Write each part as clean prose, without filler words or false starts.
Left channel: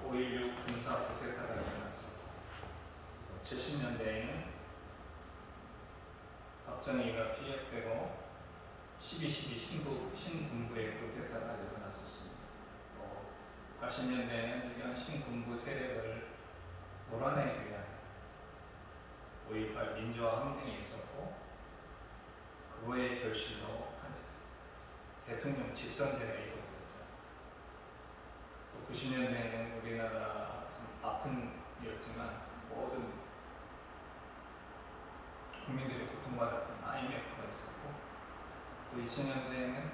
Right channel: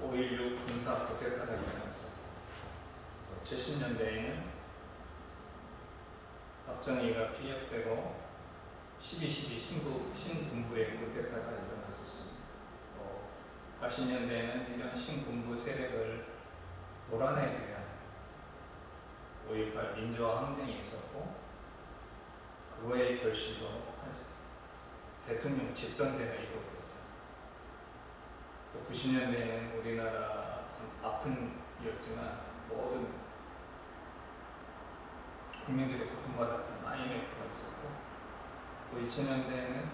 5.16 군사 쿠데타가 일어나서 70년대에는 박정희가 피격되고 12.12 신군부의 쿠데타가 일어났었습니다. 또 80년대에는 이런 신군부 세력을 몰아내기 위한 5.18 민주화 항쟁이 있었고, 그거의 결실로 대통령 직선제가 이루어졌죠. 또 90년대에는 우리나라 참 아픈 일이었지만 모든 국민들이 고통받았던 IMF가 있었고, 또 2000년대에는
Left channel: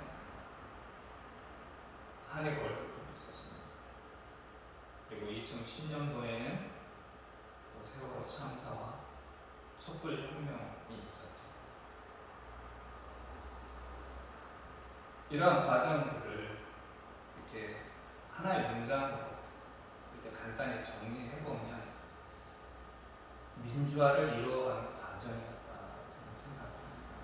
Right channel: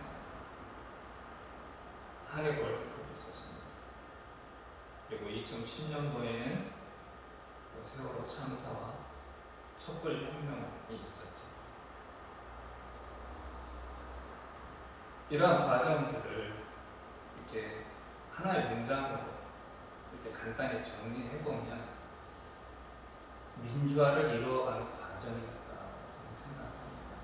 한일 월드컵이 있었습니다. 그리고 2010년도에는 세월호 참사와 촛불혁명이 있었죠. 이러한 과정들을 이렇게 하나의 문장으로 이렇게 간단히 정리해보면 민주화를 이루어가는 과정이었다고 저는 생각합니다.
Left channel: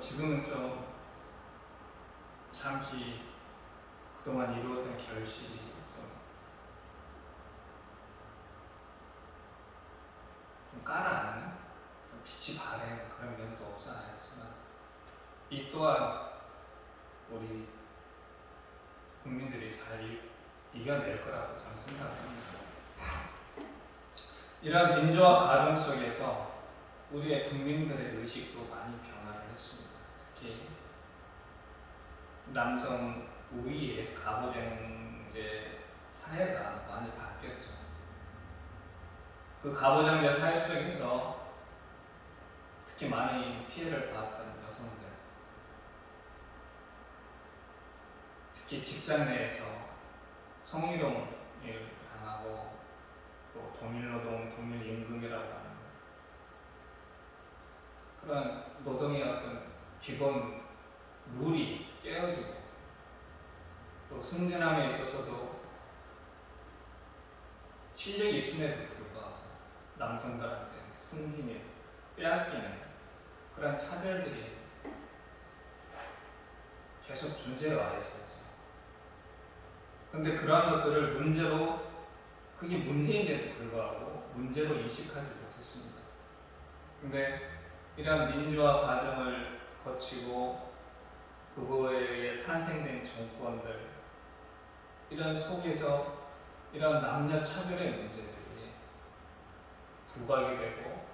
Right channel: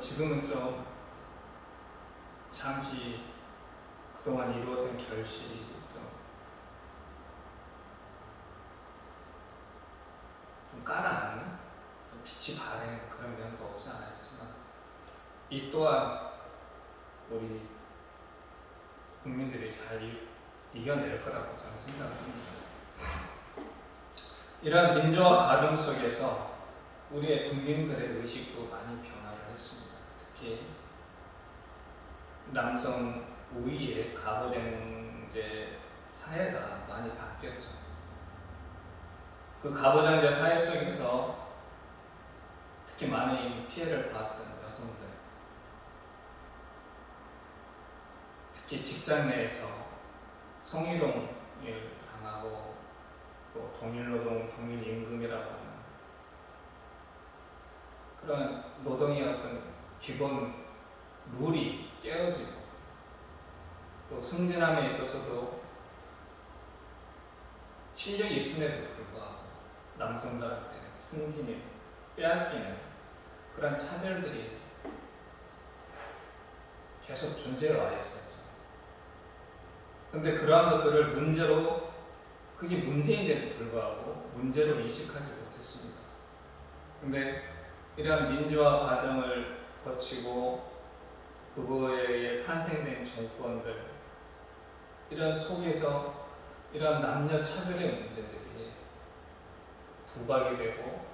지금은 좀 잠시 그동안 이루었던 결실이 좀 깔아앉는, 좀 빛이 바랜 그런 면도 없지 않아 있지만, 이 또한 우리 국민들이 잘 이겨낼 거라고 저는 생각을 합니다. 이러한 민주화 과정 속에서 우리의 국민들의 의식도 많이 변화를 했습니다. 특히 남성 우위의 가부장제 사회가 많이 바뀌었죠. 그 가부장제 사회 속에서 특히 많이 피해를 받았던 여성들, 특히 직장 내에서 성희롱을 당하고 또 동일노동, 동일임금이라고 하는 그런 노동의 어떤 기본 룰이 깨어지고, 또 승진함에 있어서도 실력이 있음에도 불구하고 남성들한테 승진을 빼앗기는 그런 차별들이 계속 존재해 와 있었죠. 근데 그러한 것들을 문제로, 그게 문제인데도 불구하고 문제로 인식하지 못했습니다. 근데 이러한 민주화 과정을 거치고 그거에 의해 탄생된 정권들, 이런 속에서 이런 남녀 차별의 문제들이 부각이 되고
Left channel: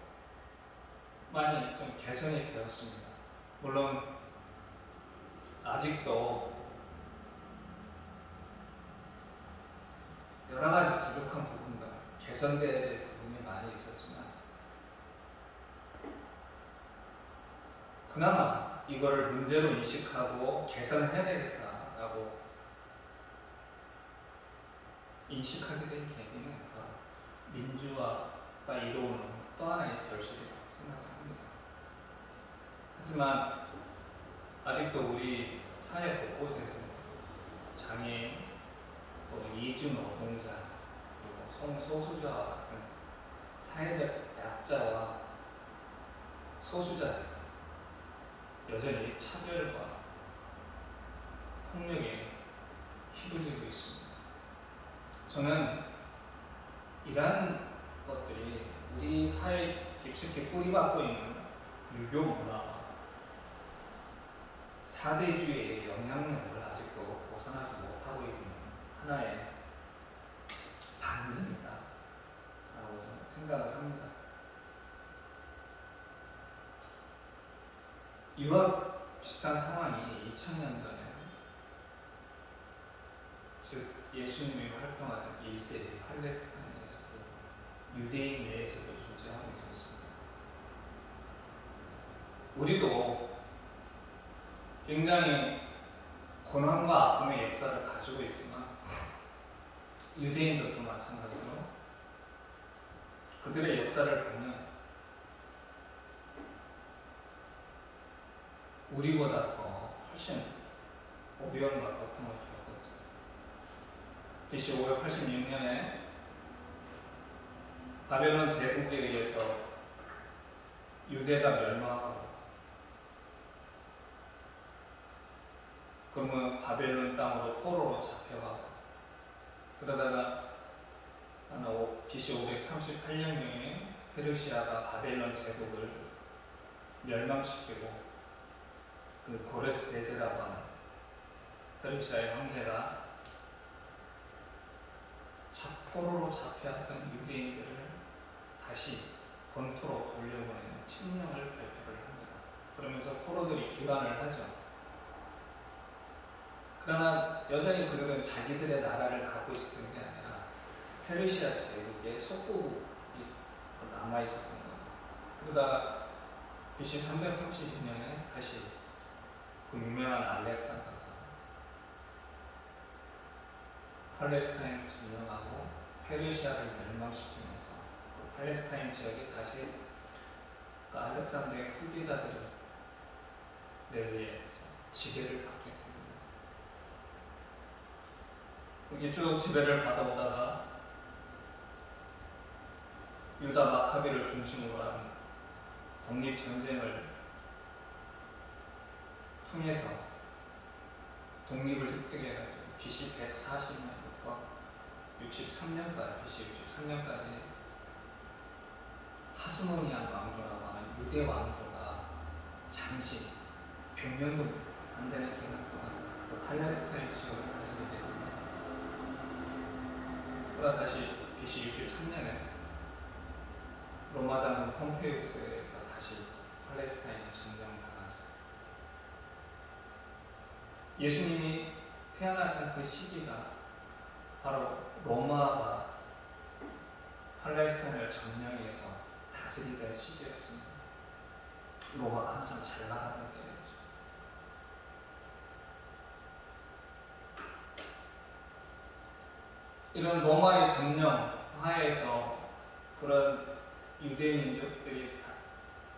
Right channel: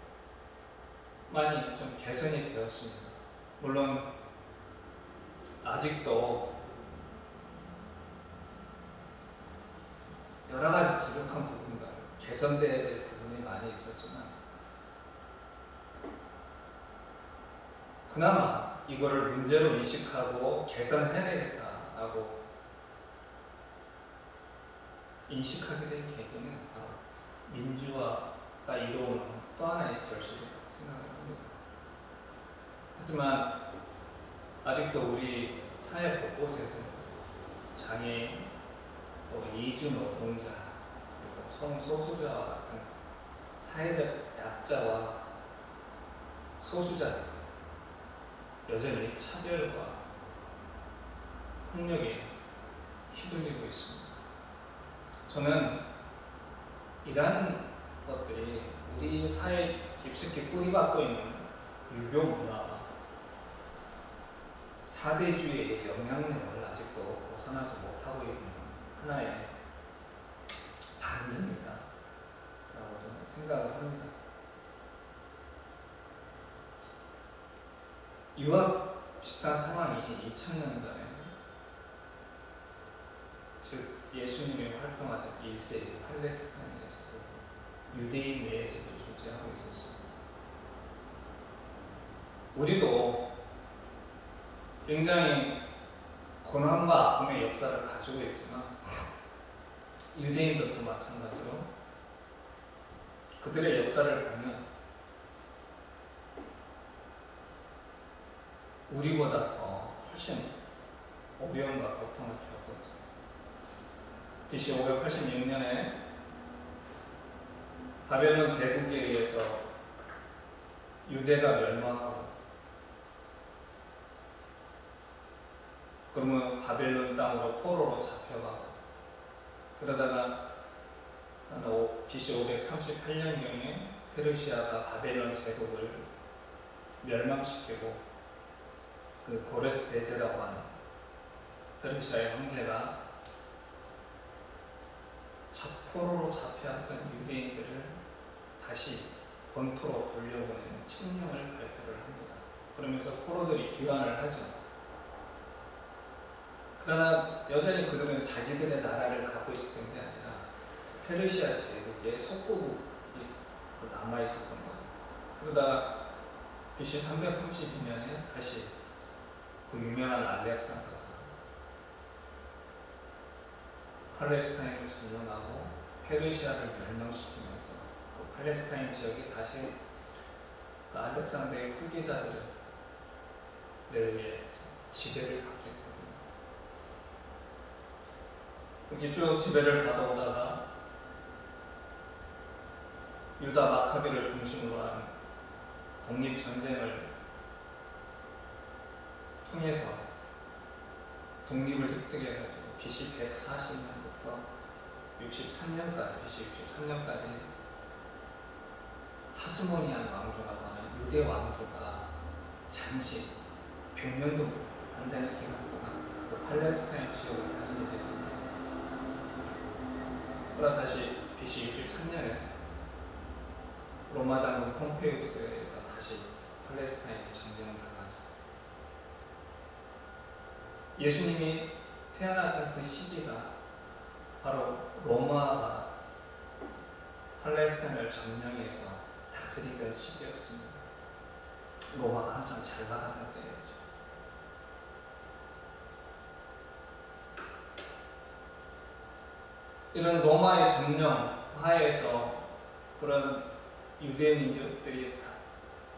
많이 좀 개선이 되었습니다. 물론 아직도 여러 가지 부족한 부분들, 개선돼야 될 부분이 많이 있었지만, 그나마 이거를 문제로 인식하고 개선해야 되겠다라고 인식하게 된 계기는 바로 민주화가 이루어오는 또 하나의 결실이라고 생각을 합니다. 하지만 아직도 우리 사회 곳곳에서 장애인, 또 이주 노동자, 그리고 성소수자와 같은 사회적 약자와 소수자들, 여전히 차별과 폭력에 휘둘리고 있습니다. 저는 이러한 것들이 우리 사회에 깊숙이 뿌리박고 있는 유교 문화와 사대주의의 영향력을 아직도 벗어나지 못하고 있는 하나의 반증이다 라고 저는 생각을 합니다. 이와 비슷한 상황이 2000년도에, 즉 예수님이 활동하던 1세기 팔레스타인에서도, 유대인 내에서도 존재하고 있었습니다. 우리도 굉장히 고난과 아픔의 역사를 가지고 있지만, 유대인들도 마찬가지로 그들의 역사를 보면 우리보다 더 훨씬 어려움과 고통을 겪었죠. BC 586년에 바벨론 제국에 의해서 유대가 멸망하고 그러면 바벨론 땅으로 포로로 잡혀가고, 그러다가 BC 538년경에 페르시아가 바벨론 제국을 멸망시키고, 그 고레스 대제라고 하는 페르시아의 황제가 포로로 잡혀왔던 유대인들을 다시 본토로 돌려보내는 칙령을 발표를 합니다. 그러면서 포로들이 귀환을 하죠. 그러나 여전히 그들은 자기들의 나라를 갖고 있었던 게 아니라 페르시아 제국의 속국이 남아 있었던 거예요. 그러다 BC 332년에 다시 그 유명한 알렉산더가 팔레스타인을 점령하고 페르시아를 멸망시키면서 그 팔레스타인 지역이 다시 그 알렉산더의 후계자들에 의해서 지배를 받게 됩니다. 그렇게 쭉 지배를 받아오다가 유다 마카베를 중심으로 한 독립전쟁을 통해서 독립을 획득해가지고 BC 140년부터 63년까지, BC 63년까지 하스모니안 왕조라고 하는 유대 왕조가 잠시 100년도 안 되는 기간 동안 그 팔레스타인 지역을 다스리게 됩니다. 그러다 다시 BC 63년에 로마 장군 폼페이우스에서 다시 팔레스타인이 점령당하죠. 예수님이 태어났던 그 시기가 바로 로마가 팔레스타인을 점령해서 다스리던 시기였습니다. 로마가 한참 잘 나가던 때였죠. 이런 로마의 점령 하에서 그런 유대 민족들이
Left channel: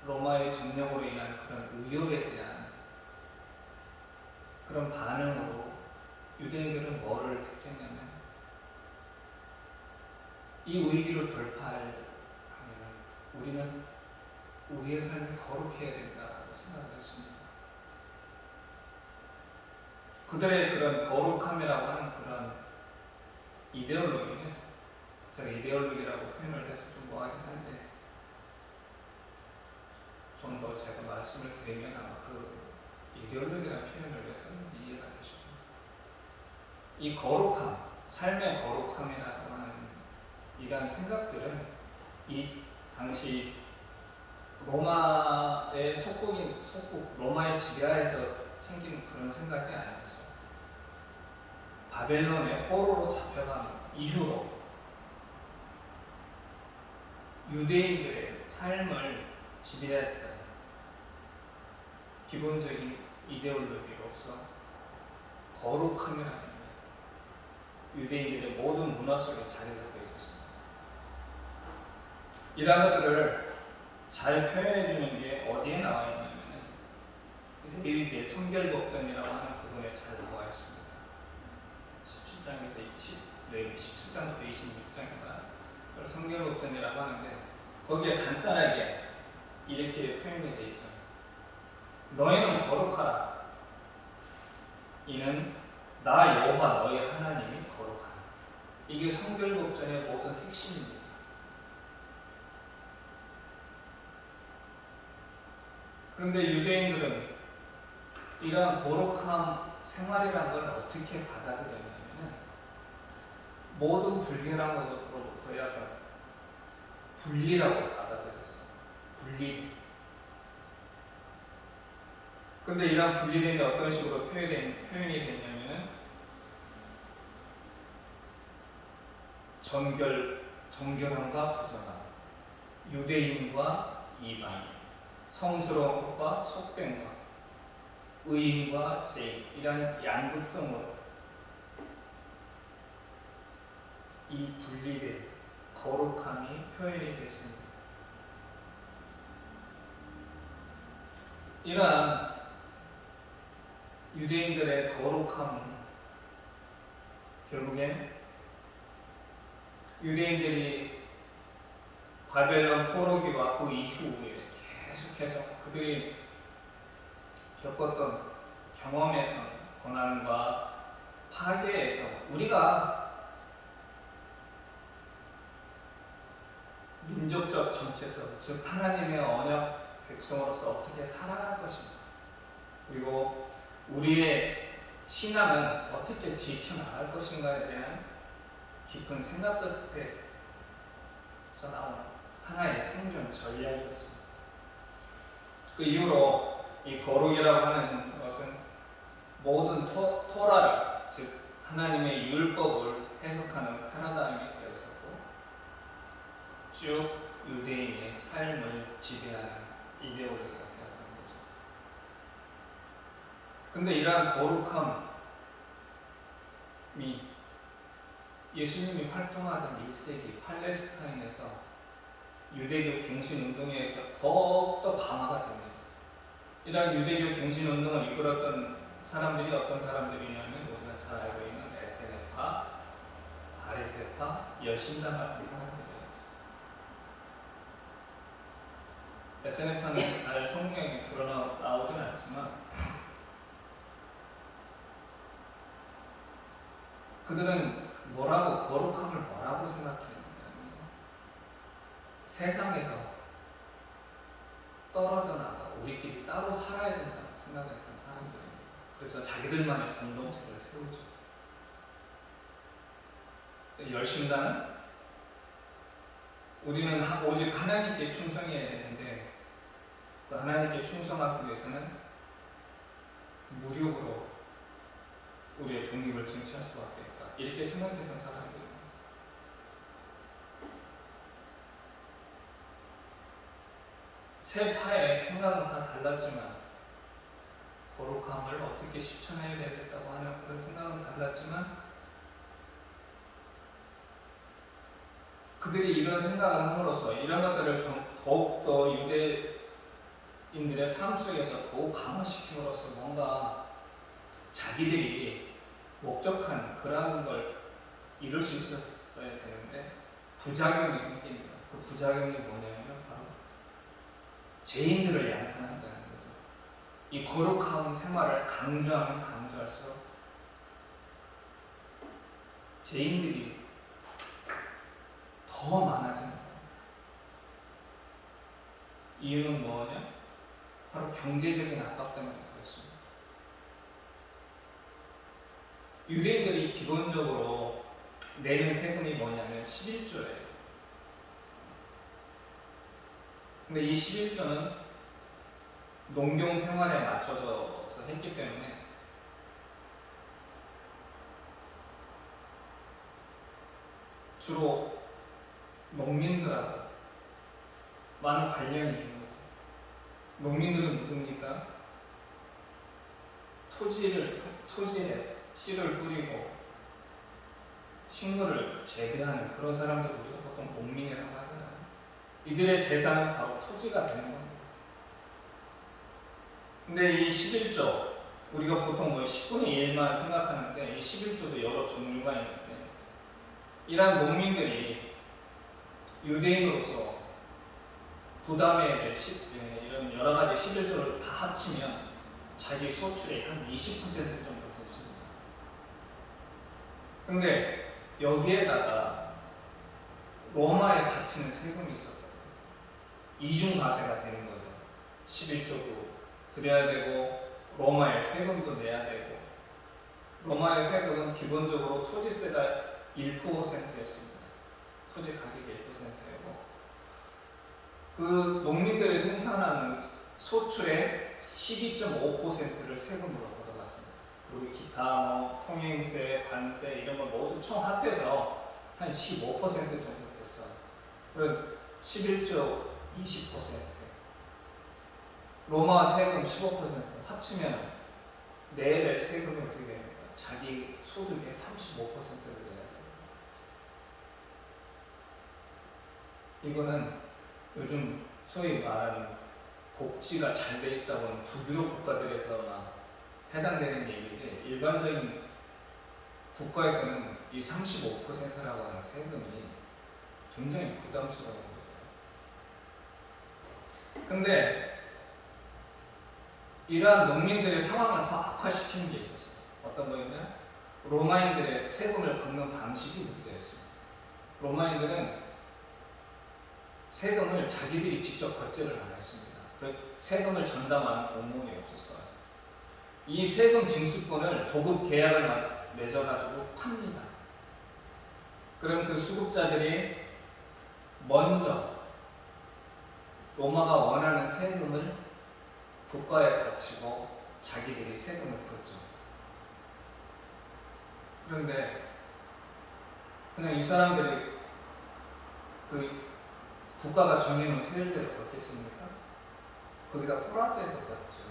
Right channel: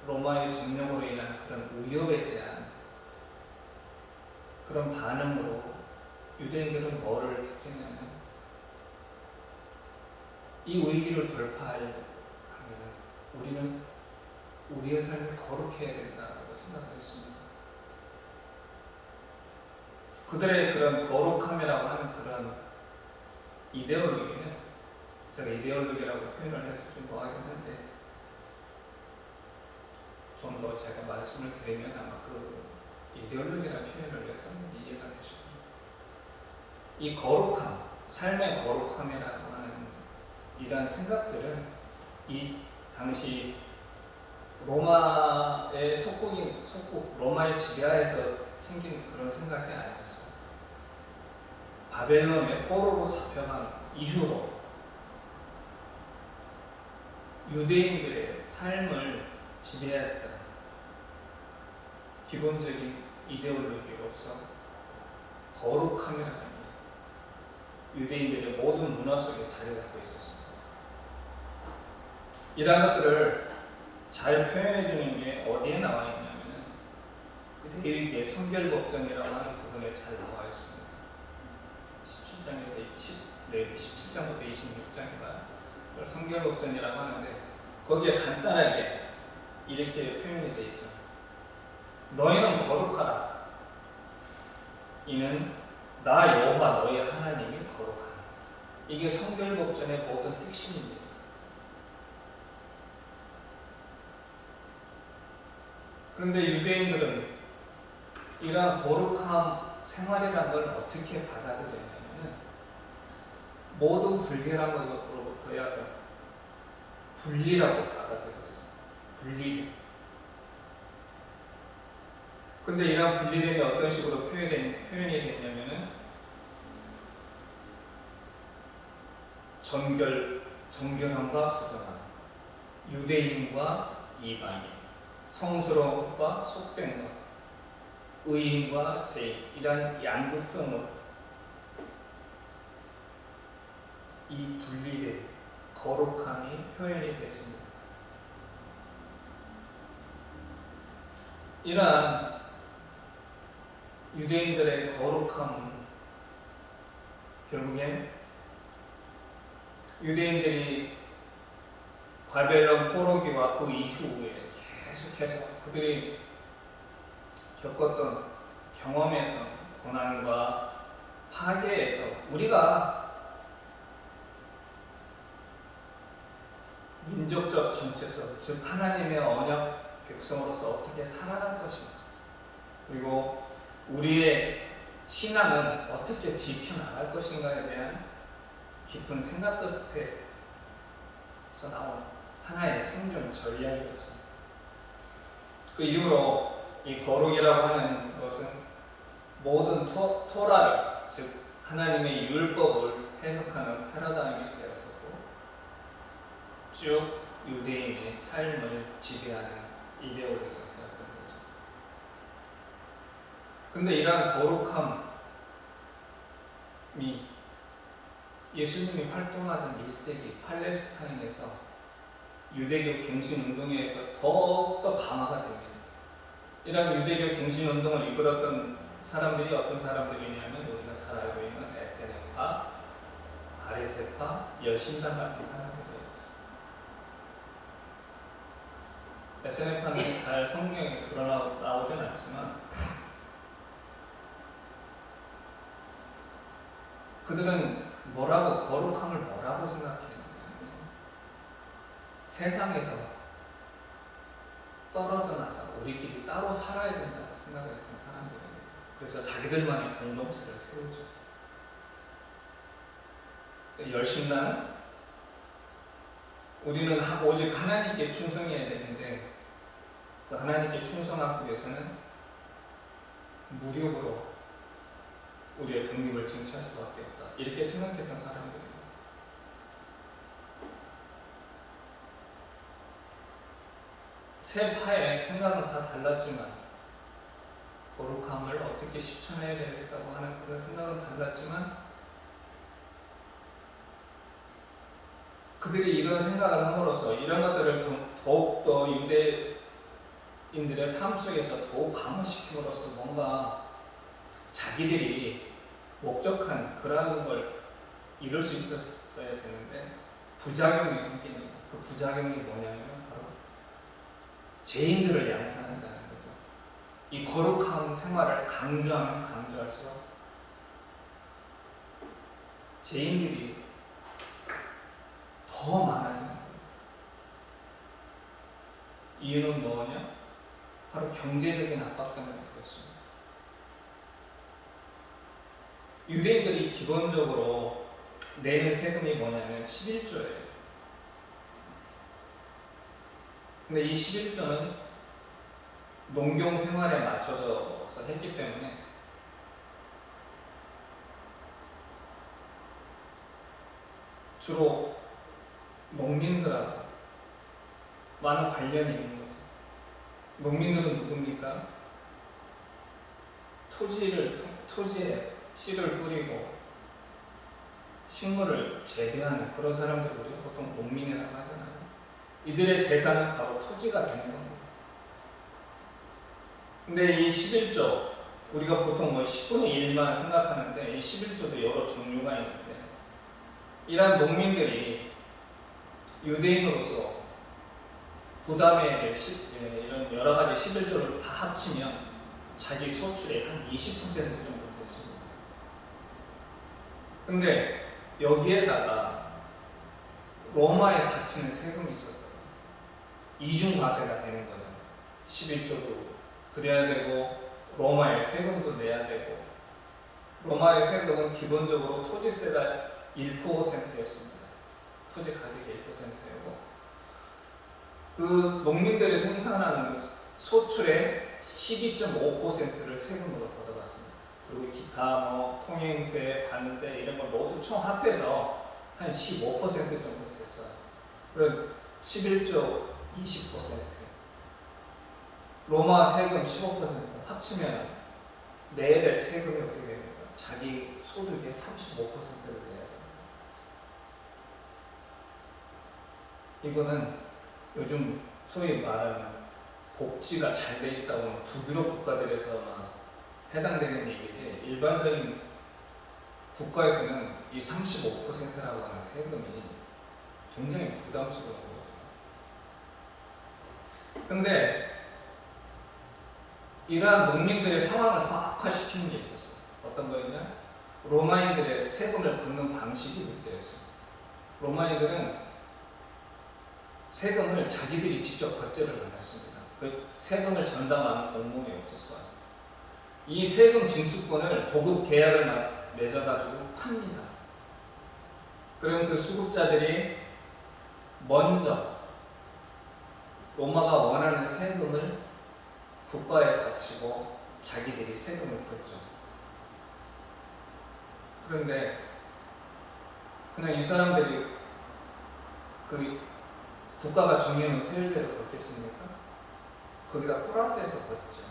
로마의 점령으로 인한 그런 위협에 대한 그런 반응으로 유대인들은 뭐를 택했냐면, 이 위기를 돌파하려면 우리는 우리의 삶을 거룩해야 된다고 생각을 했습니다. 그들의 그런 거룩함이라고 하는 그런 이데올로기는, 제가 이데올로기라고 표현을 해서 좀 뭐하긴 한데, 좀 더 제가 말씀을 드리면 아마 그 이데올로기라는 표현을 왜 썼는지 이해가 되실 겁니다. 이 거룩함, 삶의 거룩함이라고 하는 이러한 생각들은 이 당시 로마의 속국 로마의 지배하에서 생긴 그런 생각이 아니었어요. 바벨론의 포로로 잡혀간 이후로 유대인들의 삶을 지배했던 기본적인 이데올로기로서 거룩함이라는 게 유대인들의 모든 문화 속에 자리 잡고 있었습니다. 이러한 것들을 잘 표현해 주는 게 어디에 나와 있냐면 레위기의 성결법정이라고 하는 부분에 잘 나와 있습니다. 17장에서 레위기 17장부터 26장인가 그걸 성결법정이라고 하는데, 거기에 간단하게 이렇게 표현이 되어 있죠. 너희는 거룩하라. 이는 나 여호와 너희 하나님이 거룩하니. 이게 성결법전의 모든 핵심입니다. 그런데 유대인들은 이러한 거룩한 생활이라는 걸 어떻게 받아들였냐면, 모든 불결한 것으로부터 약간 분리라고 받아들였어요. 분리. 근데 이런 분리됨이 어떤 식으로 표현이 됐냐면은, 정결함과 부정함, 유대인과 이방인, 성스러운 것과 속된 것, 의인과 죄인, 이런 양극성으로 이 분리된 거룩함이 표현이 됐습니다. 이러한 유대인들의 거룩함은 결국엔 유대인들이 바벨론 포로기와 그 이후에 계속해서 그들이 겪었던 경험했던 고난과 파괴에서 우리가 민족적 정체성, 즉 하나님의 언약 백성으로서 어떻게 살아갈 것인가, 그리고 우리의 신앙은 어떻게 지켜나갈 것인가에 대한 깊은 생각 끝에서 나온 하나의 생존 전략이었습니다. 그 이후로 이 거룩이라고 하는 것은 모든 토라를, 즉 하나님의 율법을 해석하는 패러다임이 되었었고, 쭉 유대인의 삶을 지배하는 이데올로기가 되었던 거죠. 근데 이러한 거룩함이 예수님이 활동하던 1세기 팔레스타인에서 유대교 갱신운동에 의해서 더욱더 강화가 됩니다. 이러한 유대교 갱신운동을 이끌었던 사람들이 어떤 사람들이냐면 우리가 잘 알고 있는 SNF파, 바리새파, 여신당 같은 사람들이었죠. SNF파는 잘 성경에 드러나오진 않지만 그들은 거룩함을 뭐라고 생각했냐면 세상에서 떨어져 나가 우리끼리 따로 살아야 된다고 생각했던 사람들입니다. 그래서 자기들만의 공동체를 세우죠. 열심당은 우리는 오직 하나님께 충성해야 되는데 그 하나님께 충성하기 위해서는 무력으로 우리의 독립을 쟁취할 수밖에 없다, 이렇게 생각했던 사람들입니다. 세 파의 생각은 다 달랐지만 거룩함을 어떻게 실천해야 되겠다고 하는 그런 생각은 달랐지만 그들이 이런 생각을 함으로써 이런 것들을 더욱더 유대인들의 삶 속에서 더욱 강화시킴으로써 뭔가 자기들이 목적한 그러한 걸 이룰 수 있었어야 되는데 부작용이 생깁니다. 그 부작용이 뭐냐면 바로 죄인들을 양산한다는 거죠. 이 거룩한 생활을 강조하면 강조할수록 죄인들이 더 많아지는 겁니다. 이유는 뭐냐? 바로 경제적인 압박 때문에 그렇습니다. 유대인들이 기본적으로 내는 세금이 뭐냐면 11조예요. 근데 이 11조는 농경 생활에 맞춰져서 했기 때문에 주로 농민들하고 많은 관련이 있는 거죠. 농민들은 누굽니까? 토지에 씨를 뿌리고 식물을 재배하는 그런 사람들 우리가 보통 농민이라고 하잖아요. 이들의 재산은 바로 토지가 되는 겁니다. 근데 이 11조, 우리가 보통 10분의 1만 생각하는데 이 11조도 여러 종류가 있는데 이러한 농민들이 유대인으로서 부담해야 될 이런 여러 가지 11조를 다 합치면 자기 소출의 한 20% 정도 됐습니다. 근데 여기에다가 로마에 바치는 세금이 있었다. 이중과세가 되는 거죠. 11조도 드려야 되고 로마의 세금도 내야 되고, 로마의 세금은 기본적으로 토지세가 1%였습니다. 토지 가격이 1%였고 그 농민들이 생산하는 소출의 12.5%를 세금으로 걷어갔습니다. 그리고 기타 통행세, 관세 이런 걸 모두 총 합해서 한 15% 정도 됐어요. 그래서 11조 20%, 로마 세금 15% 합치면 내야 될 세금이 어떻게 됩니까? 자기 소득의 35%를 내야 됩니다. 이거는 요즘 소위 말하는 복지가 잘 돼 있다고 하는 북유럽 국가들에서만 해당되는 얘기지, 일반적인 국가에서는 이 35%라고 하는 세금이 굉장히 부담스러운 거죠. 근데 이러한 농민들의 상황을 악화시키는 게 있었어요. 어떤 거였냐? 로마인들의 세금을 걷는 방식이 문제였어요. 로마인들은 세금을 자기들이 직접 걷지를 않았습니다. 그 세금을 전담하는 공무원이 없었어요. 이 세금 징수권을 도급 계약을 맺어가지고 팝니다. 그럼 그 수급자들이 먼저 로마가 원하는 세금을 국가에 바치고 자기들이 세금을 걷죠. 그런데 그냥 이 사람들이 그 국가가 정해놓은 세율대로 걷겠습니까? 거기다 플러스해서 걷죠.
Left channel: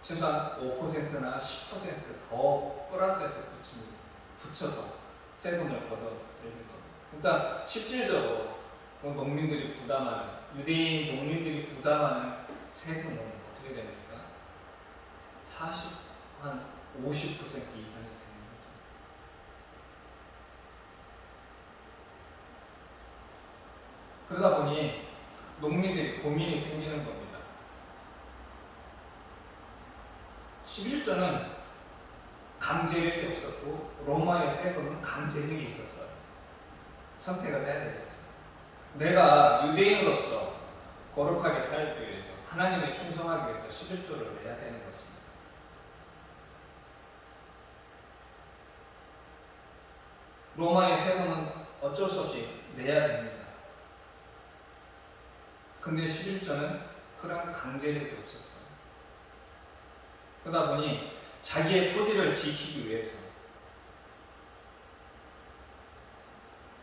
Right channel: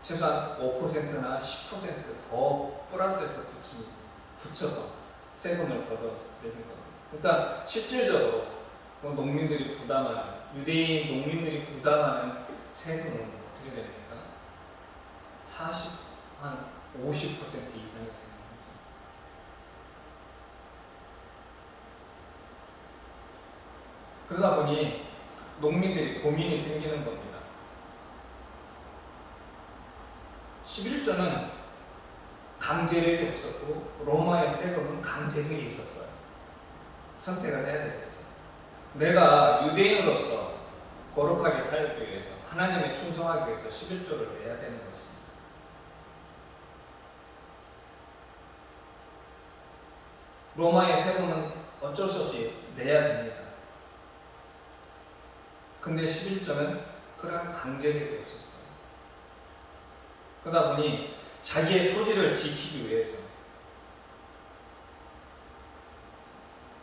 최소한 5%나 10%더 플러스해서 붙여서 세금을 걷어들이는 겁니다. 그러니까 실질적으로 농민들이 부담하는, 유대인 농민들이 부담하는 세금은 어떻게 됩니까? 50% 이상이 되는 거죠. 그러다 보니 농민들이 고민이 생기는 겁니다. 11조는 강제력이 없었고 로마의 세금은 강제력이 있었어요. 선택을 해야 되겠죠. 내가 유대인으로서 거룩하게 살기 위해서, 하나님에 충성하기 위해서 11조를 내야 되는 것입니다. 로마의 세금은 어쩔 수 없이 내야 됩니다. 근데 11조는 그런 강제력이 없었어요. 그러다 보니 자기의 토지를 지키기 위해서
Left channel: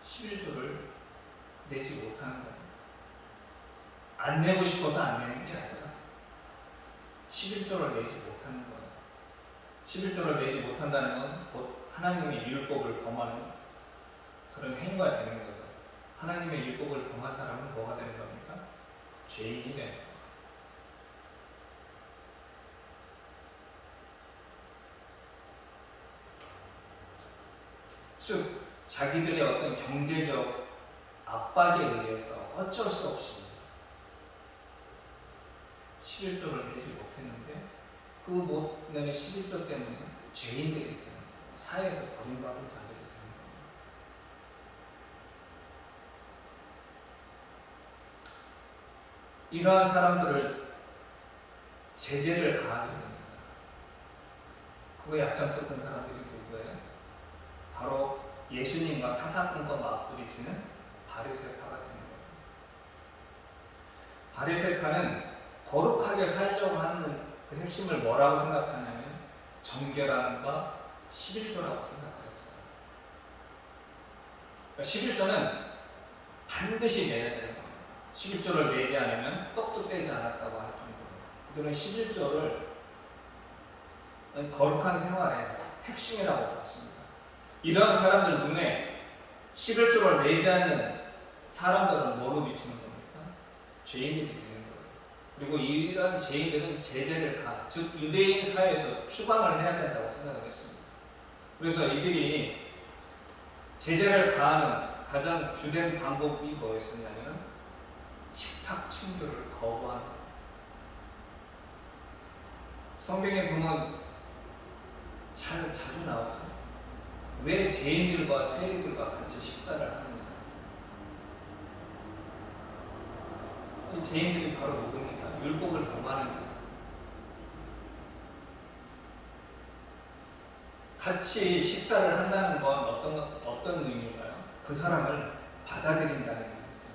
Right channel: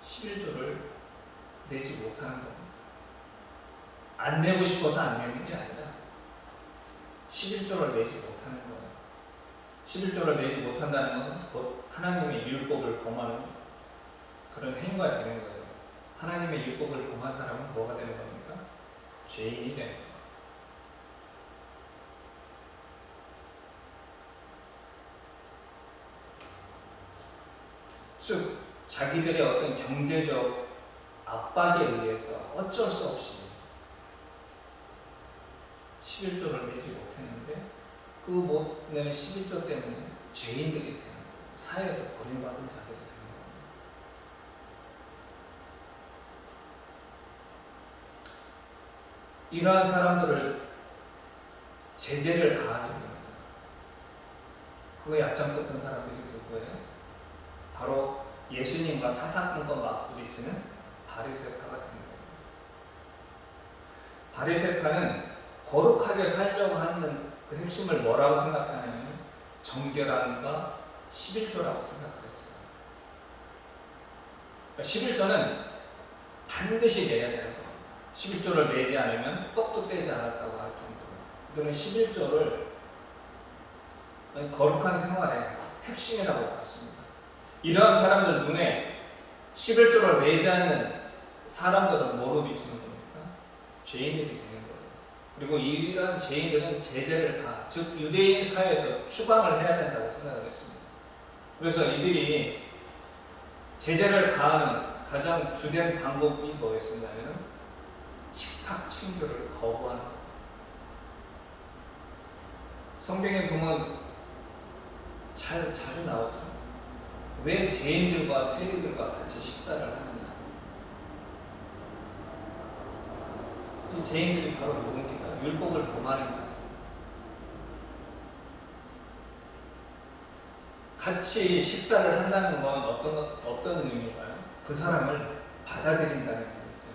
11조를 내지 못하는 겁니다. 안 내고 싶어서 안 내는 게 아니라 11조를 내지 못하는 거예요. 11조를 내지 못한다는 건 곧 하나님의 율법을 범하는 그런 행위가 되는 거죠. 하나님의 율법을 범한 사람은 뭐가 되는 겁니까? 죄인이 되는 거예요. 즉 자기들의 어떤 경제적 압박에 의해서 어쩔 수 없이 11조를 내지 못했는데 그 못 내는 11조 때문에 죄인들이 되는 거예요. 사회에서 버림받은 자들이 되는 겁니다. 이러한 사람들을 제재를 가하게 됩니다. 그거에 앞장섰던 사람들이 누구예요? 바로 예수님과 사사건건 맞부딪히는 바리새파가 되는 거예요. 바리새파는 거룩하게 살려고 하는 그 핵심을 뭐라고 생각하냐면 정결함과 11조라고 생각을 했어요. 그러니까 11조는 반드시 내야 되는 겁니다. 11조를 내지 않으면 떡도 떼지 않았다고 할 정도로 이들은 11조를 거룩한 생활의 핵심이라고 봤습니다. 이러한 사람들 눈에 11조를 내지 않는 사람들은 뭐로 비치는 겁니까? 죄인들이 되는 거예요. 그리고 이러한 죄인들은 제재를 즉 유대인 사회에서 추방을 해야 된다고 생각을 했습니다. 그래서 이들이 제재를 가하는 가장 주된 방법이 뭐였었냐면 식탁 친교를 거부하는 겁니다. 성경에 보면 자주 나오죠. 왜 죄인들과 세리들과 같이 식사를 하느냐. 이 죄인들이 바로 누굽니까? 율법을 범하는 자. 같이 식사를 한다는 건 어떤 의미인가요? 그 사람을 받아들인다는 의미죠.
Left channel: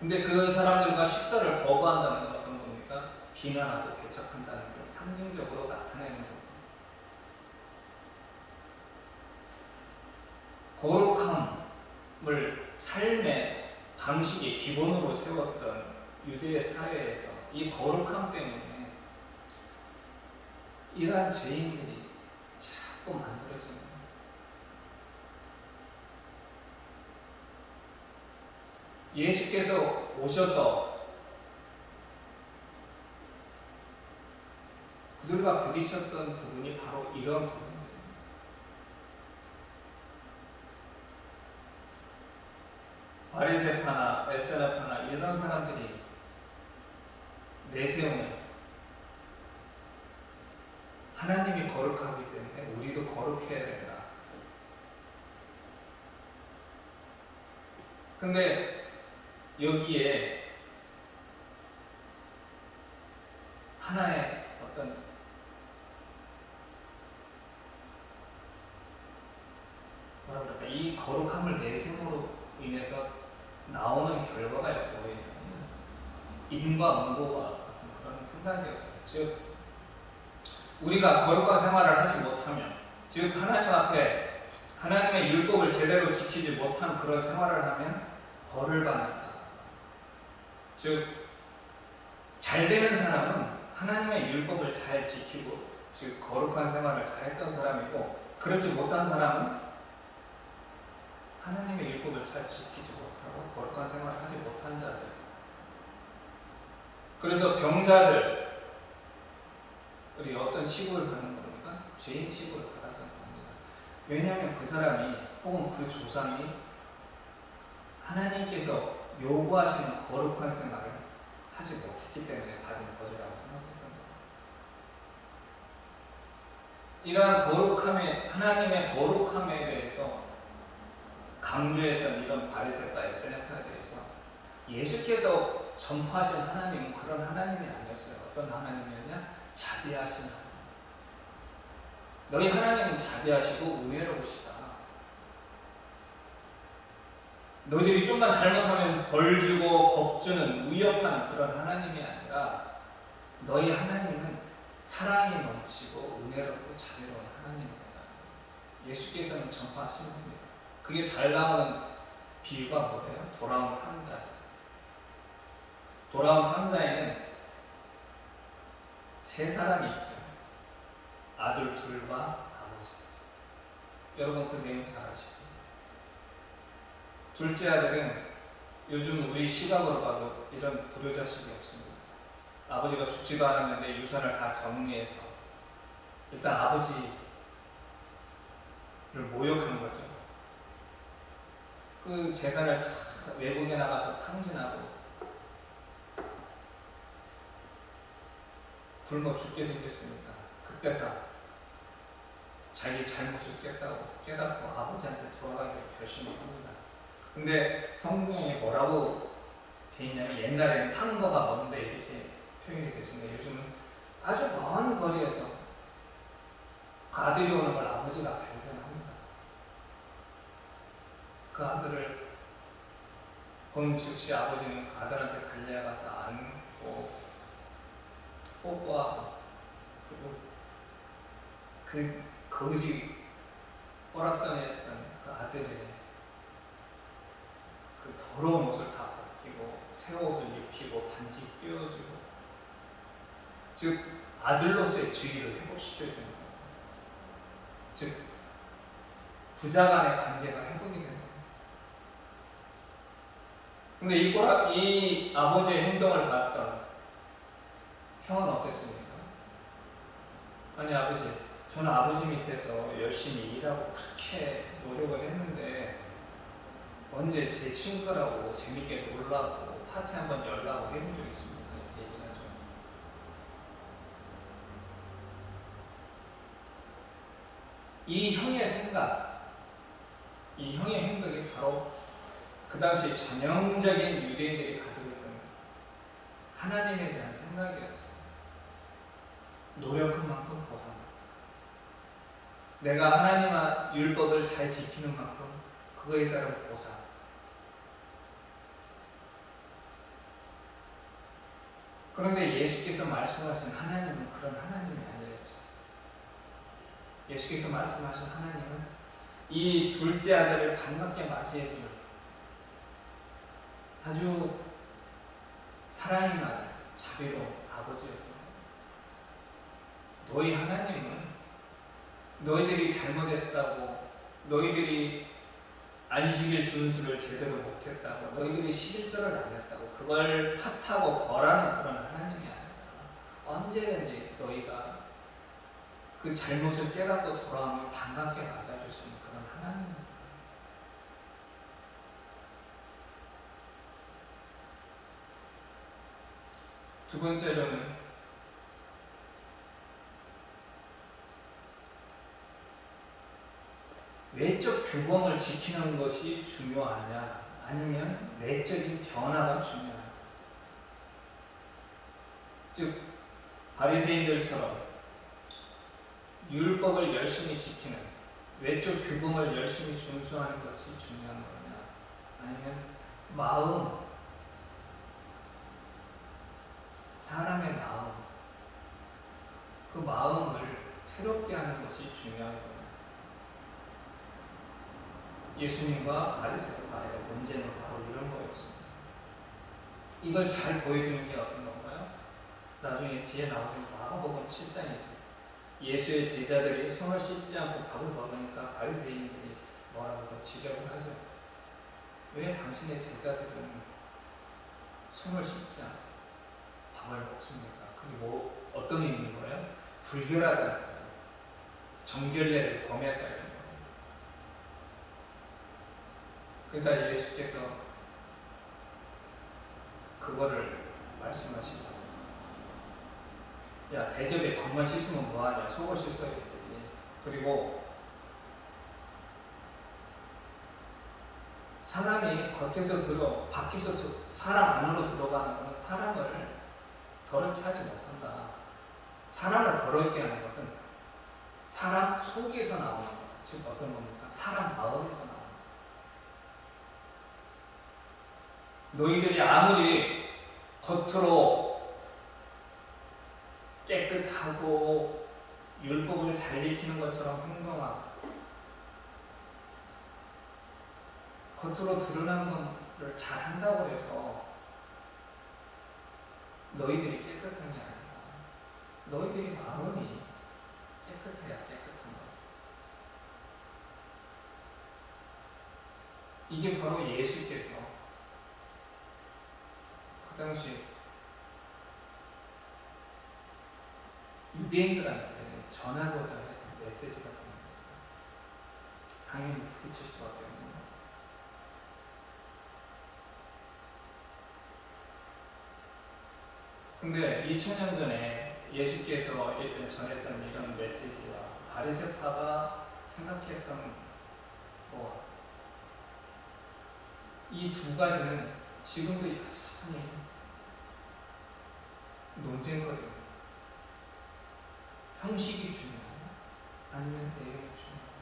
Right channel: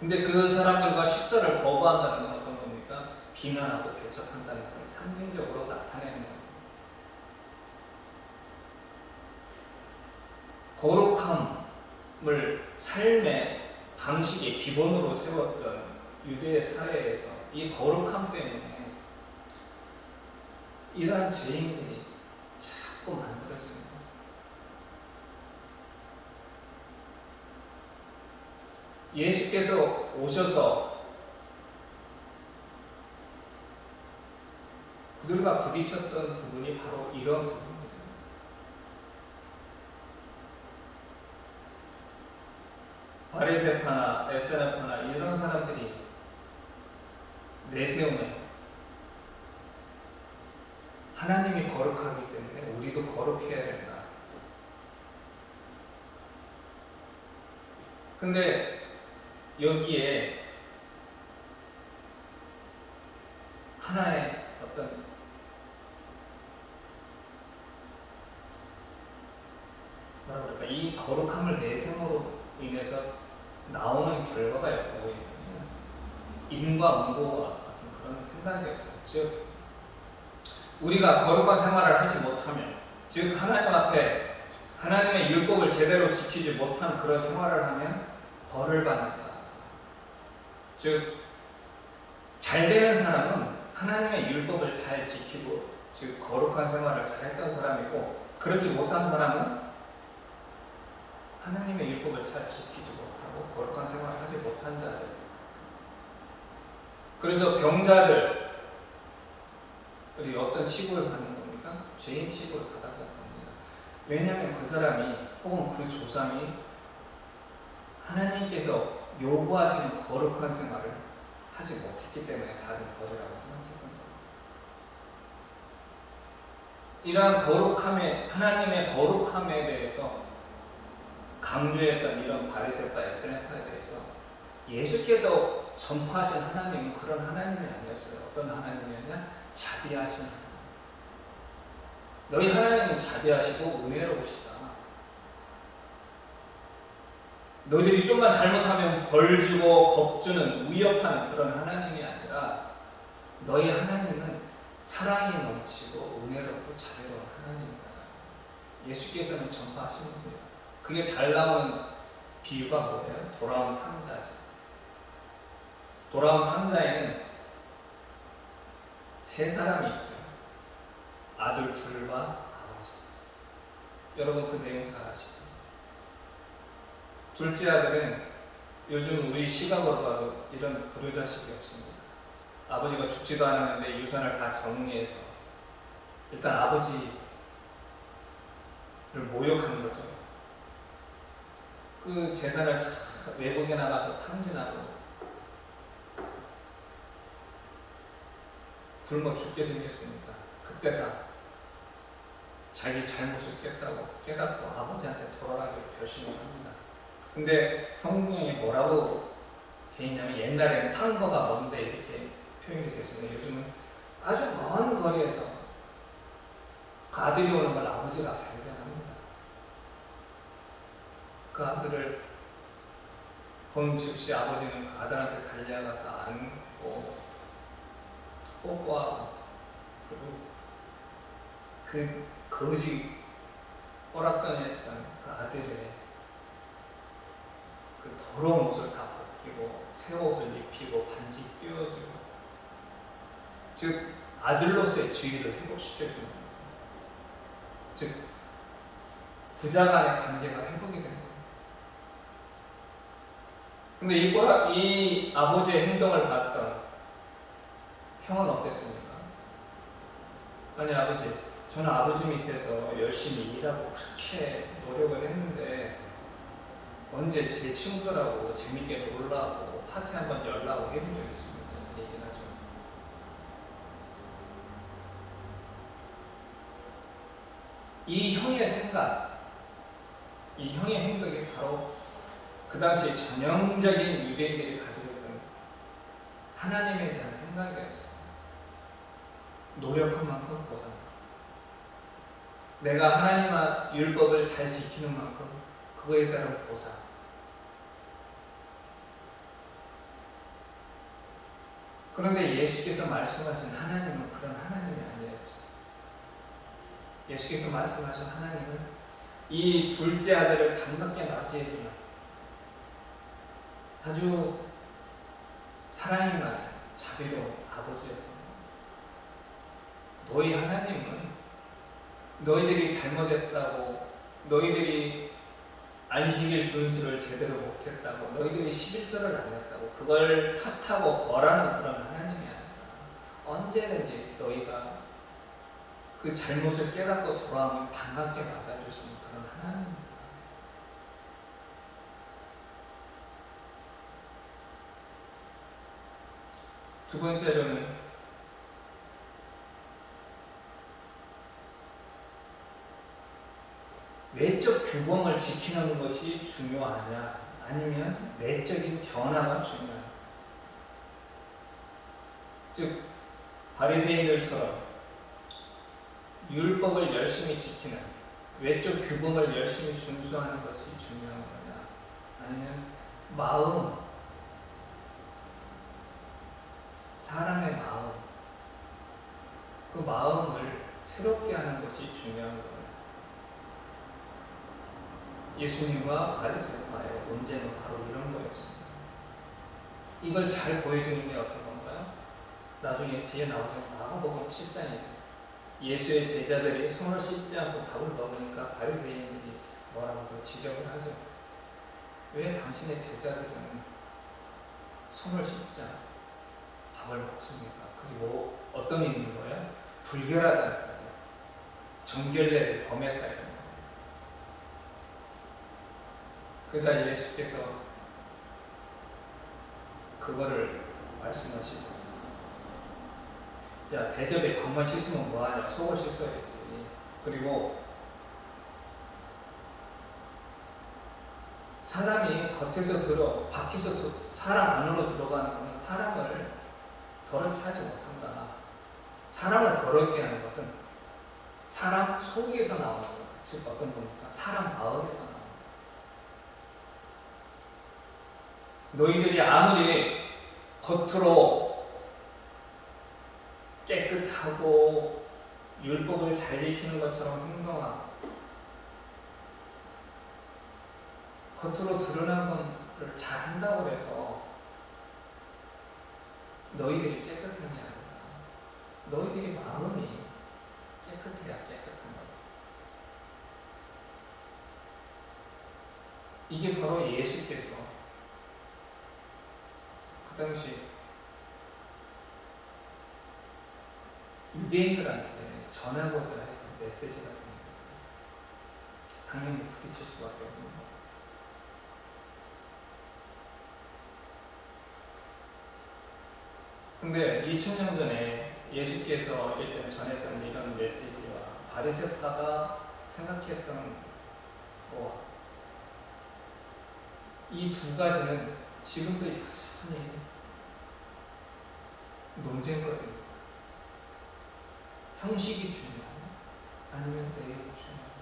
근데 그 사람들과 식사를 거부한다는 건 어떤 겁니까? 비난하고 배척한다는 걸 상징적으로 나타내는 겁니다. 거룩함을 삶의 방식의 기본으로 세웠던 유대 사회에서 이 거룩함 때문에 이러한 죄인들이 자꾸 만들어지는 거예요. 예수께서 오셔서 그들과 부딪혔던 부분이 바로 이런 부분들입니다. 바리새파나 에스라파나 이런 사람들이 내세우는 하나님이 거룩하기 때문에 우리도 거룩해야 된다. 근데 여기에 하나의 어떤 뭐라 그럴까, 이 거룩함을 내세움으로 인해서 나오는 결과가 뭐예요? 인과응보와 같은 그런 생각이었어요. 즉 우리가 거룩한 생활을 하지 못하면, 즉 하나님 앞에 하나님의 율법을 제대로 지키지 못한 그런 생활을 하면 벌을 받는다. 즉 잘 되는 사람은 하나님의 율법을 잘 지키고 즉 거룩한 생활을 잘 했던 사람이고, 그렇지 못한 사람은 하나님의 율법을 잘 지키지 못하고 거룩한 생활을 하지 못한 자들. 그래서 병자들이 어떤 취급을 받는 겁니까? 죄인 취급을 받았던 겁니다. 왜냐하면 그 사람이 혹은 그 조상이 하나님께서 요구하시는 거룩한 생활을 하지 못했기 때문에 받은 벌이라고 생각했던 겁니다. 이러한 거룩함에, 하나님의 거룩함에 대해서 강조했던 이런 바리새파, 엑스네파에 대해서 예수께서 전파하신 하나님은 그런 하나님이 아니었어요. 어떤 하나님이었냐? 자비하신 하나님. 너희 하나님은 자비하시고 은혜로우시다. 너희들이 좀만 잘못하면 벌 주고 겁주는 위협하는 그런 하나님이 아니라 너희 하나님은 사랑이 넘치고 은혜롭고 자비로운 하나님이다. 예수께서는 전파하신 겁니다. 그게 잘 나오는 비유가 뭐예요? 돌아온 탕자죠. 돌아온 탕자에는 세 사람이 있죠. 아들 둘과 아버지. 여러분 그 내용 잘 아시죠? 둘째 아들은 요즘 우리 시각으로 봐도 이런 불효자식이 없습니다. 아버지가 죽지도 않았는데 유산을 다 정리해서 일단 아버지를 모욕한 거죠. 그 재산을 다 외국에 나가서 탕진하고 굶어 죽게 생겼으니까 그때서 자기 잘못을 깨닫고 아버지한테 돌아가기를 결심을 합니다. 근데 성경에 뭐라고 돼 있냐면, 옛날에는 상거가 먼데 이렇게 표현이 됐었는데 요즘은 아주 먼 거리에서 그 아들이 오는 걸 아버지가 발견합니다. 그 아들을 본 즉시 아버지는 그 아들한테 달려가서 안고 뽀뽀하고, 그리고 그 거지 꼬락선이었던 그 아들의 그 더러운 옷을 다 벗기고 새 옷을 입히고 반지 끼워주고, 즉 아들로서의 지위를 회복시켜주는 거죠. 즉 부자 간의 관계가 회복이 된 겁니다. 근데 이 아버지의 행동을 봤던 형은 어땠습니까? 아니 아버지, 저는 아버지 밑에서 열심히 일하고 그렇게 노력을 했는데 언제 제 친구들하고 재밌게 놀라고 파티 한번 열라고 해본 적 있습니까? 이렇게 얘기를 하죠. 이 형의 생각, 이 형의 행동이 바로 그 당시 전형적인 유대인들이 가지고 있던 하나님에 대한 생각이었어요. 노력한 만큼 보상받고, 내가 하나님의 율법을 잘 지키는 만큼 그거에 따른 보상. 그런데 예수께서 말씀하신 하나님은 그런 하나님이 아니었죠. 예수께서 말씀하신 하나님은 이 둘째 아들을 반갑게 맞이해주는 아주 사랑이 많은 자비로운 아버지였던 겁니다. 너희 하나님은 너희들이 잘못했다고, 너희들이 안식일 준수를 제대로 못했다고, 너희들이 11조를 안 했다고 그걸 탓하고 벌하는 그런 하나님이 아니라 언제든지 너희가 그 잘못을 깨닫고 돌아오면 반갑게 맞아주시는 그런 하나님입니다. 두 번째로는 외적 규범을 지키는 것이 중요하냐, 아니면 내적인 변화가 중요하냐. 즉 바리새인들처럼 율법을 열심히 지키는, 외적 규범을 열심히 준수하는 것이 중요한 거냐, 아니면 마음, 사람의 마음, 그 마음을 새롭게 하는 것이 중요한 거냐. 예수님과 바리새파의 논쟁은 바로 이런 거였습니다. 이걸 잘 보여주는 게 어떤 건가요? 나중에 뒤에 나오지만 마가복음 7장이죠. 예수의 제자들이 손을 씻지 않고 밥을 먹으니까 바리새인들이 뭐라고 지적을 하죠. 왜 당신의 제자들은 손을 씻지 않고 밥을 먹습니까? 그게 뭐 어떤 의미인 거예요? 불결하다는 거죠. 정결례를 범했다 이런 겁니다. 그러자 예수께서 그거를 말씀하시죠. 야, 대접에 겉만 씻으면 뭐하냐, 속을 씻어야지. 그리고 사람이 겉에서 밖에서 사람 안으로 들어가는 것은 사람을 더럽게 하지 못한다. 사람을 더럽게 하는 것은 사람 속에서 나오는 거다. 즉 어떤 겁니까? 사람 마음에서 나오는 거다. 너희들이 아무리 겉으로 깨끗하고 율법을 잘 지키는 것처럼 행동하고 겉으로 드러난 것을 잘 한다고 해서 너희들이 깨끗한 게 아니다. 너희들이 마음이 깨끗해야 깨끗한 거다. 이게 바로 예수께서 그 당시 유대인들한테 전하고자 했던 메시지가 되는 거예요. 당연히 부딪힐 수밖에 없는 거예요. 근데 2000년 전에 예수께서 일단 전했던 이런 메시지와 바리새파가 생각했던 이 두 가지는 지금도 여전히 논쟁거리입니다. 형식이 중요하냐, 아니면 내용이 중요하냐.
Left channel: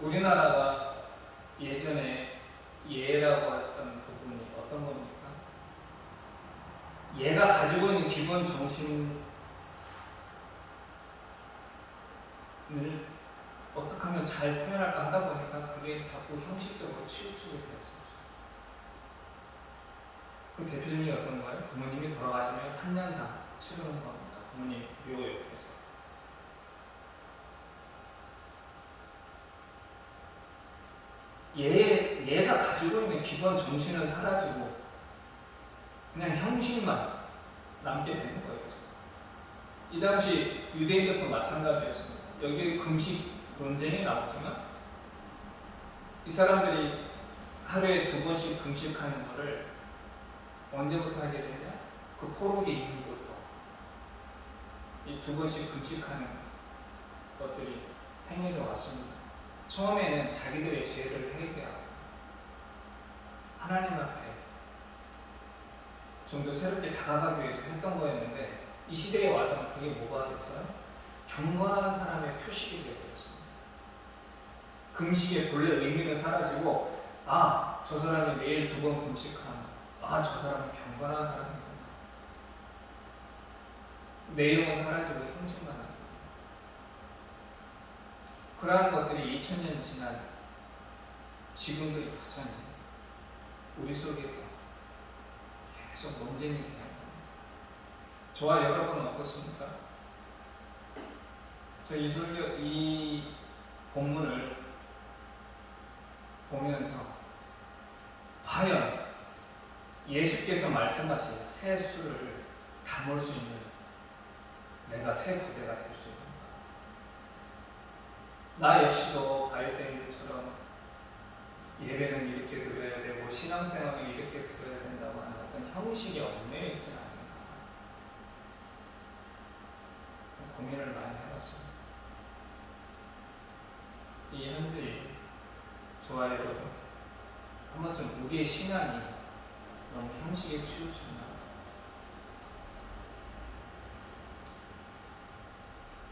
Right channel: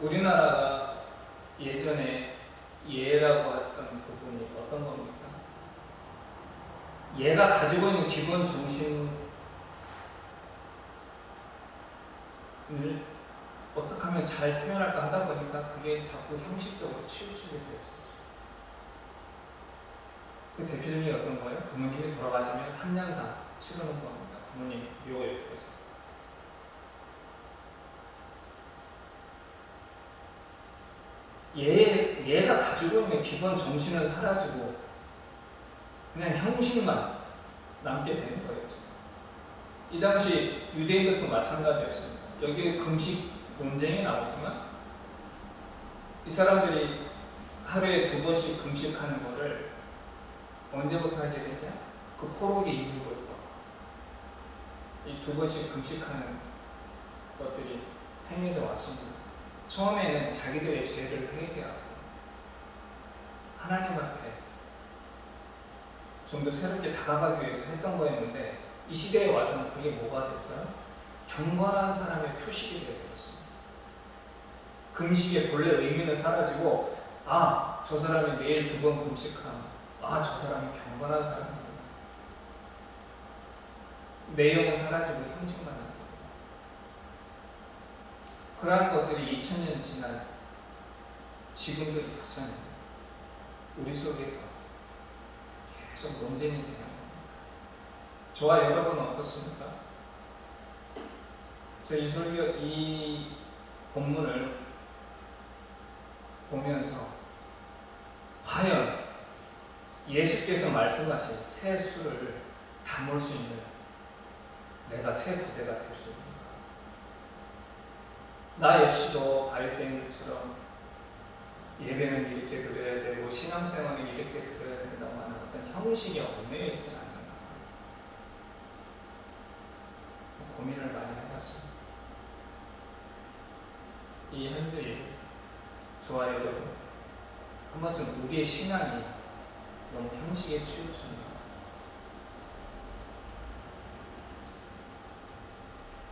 우리나라가 예전에 예라고 했던 부분이 어떤 겁니까? 예가 가지고 있는 기본 정신을 어떻게 하면 잘 표현할까 하다 보니까 그게 자꾸 형식적으로 치우치게 되었어요. 그 대표적인 게 어떤 거예요? 부모님이 돌아가시면 3년상 치르는 겁니다. 부모님 묘 옆에서. 얘가 가지고 있는 기본 정신은 사라지고 그냥 형식만 남게 되는 거였죠. 이 당시 유대인들도 마찬가지였습니다. 여기 금식 논쟁이 나오지만 이 사람들이 하루에 2번씩 금식하는 것을 언제부터 하게 되냐? 그 포로기 이후부터 이 2번씩 금식하는 것들이 행해져 왔습니다. 처음에는 자기들의 죄를 회개하고 하나님 앞에 좀 더 새롭게 다가가기 위해서 했던 거였는데 이 시대에 와서는 그게 뭐가 됐어요? 경건한 사람의 표식이 되어버렸습니다. 금식의 본래 의미는 사라지고 저 사람이 매일 2번 금식하면 저 사람이 경건한 사람이구나. 내용은 사라지고 형식만 남고 그러한 것들이 2000년 지난 지금도 여전히 우리 속에서 계속 논쟁이 되는 겁니다. 저와 여러분은 어떻습니까? 저 이 본문을 보면서 과연 예수께서 말씀하신 새 수를 담을 수 있는 내가 새 부대가 될 수 있는가? 나 역시도 바리새인들처럼 예배는 이렇게 드려야 되고 신앙생활은 이렇게 드려야 된다고 하는 어떤 형식에 얽매여 있지는 않는가? 고민을 많이 해봤습니다. 이 한 주일 저와 여러분 한 번쯤 우리의 신앙이 너무 형식에 치우쳤나?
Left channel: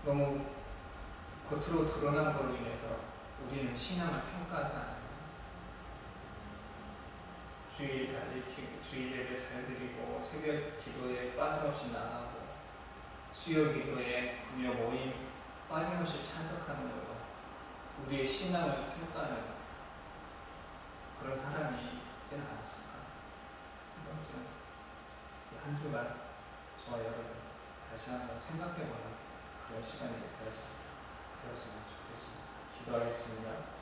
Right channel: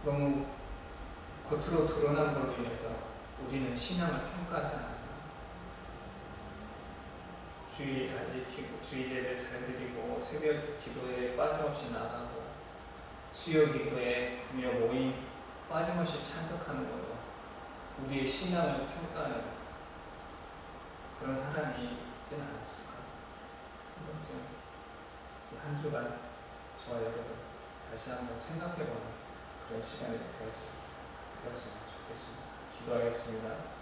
너무 겉으로 드러난 걸로 인해서 우리는 신앙을 평가하지 않았나? 주일 잘 지키고 주일 예배 잘 드리고 새벽 기도에 빠짐없이 나가고 수요 기도에 금요 모임 빠짐없이 참석하는 걸로 우리의 신앙을 평가하는 그런 사람이 있지는 않았을까? 한 번쯤 이 한 주간 저와 여러분 다시 한번 생각해보는 그런 시간이 되었으면 좋겠습니다. 기도하겠습니다.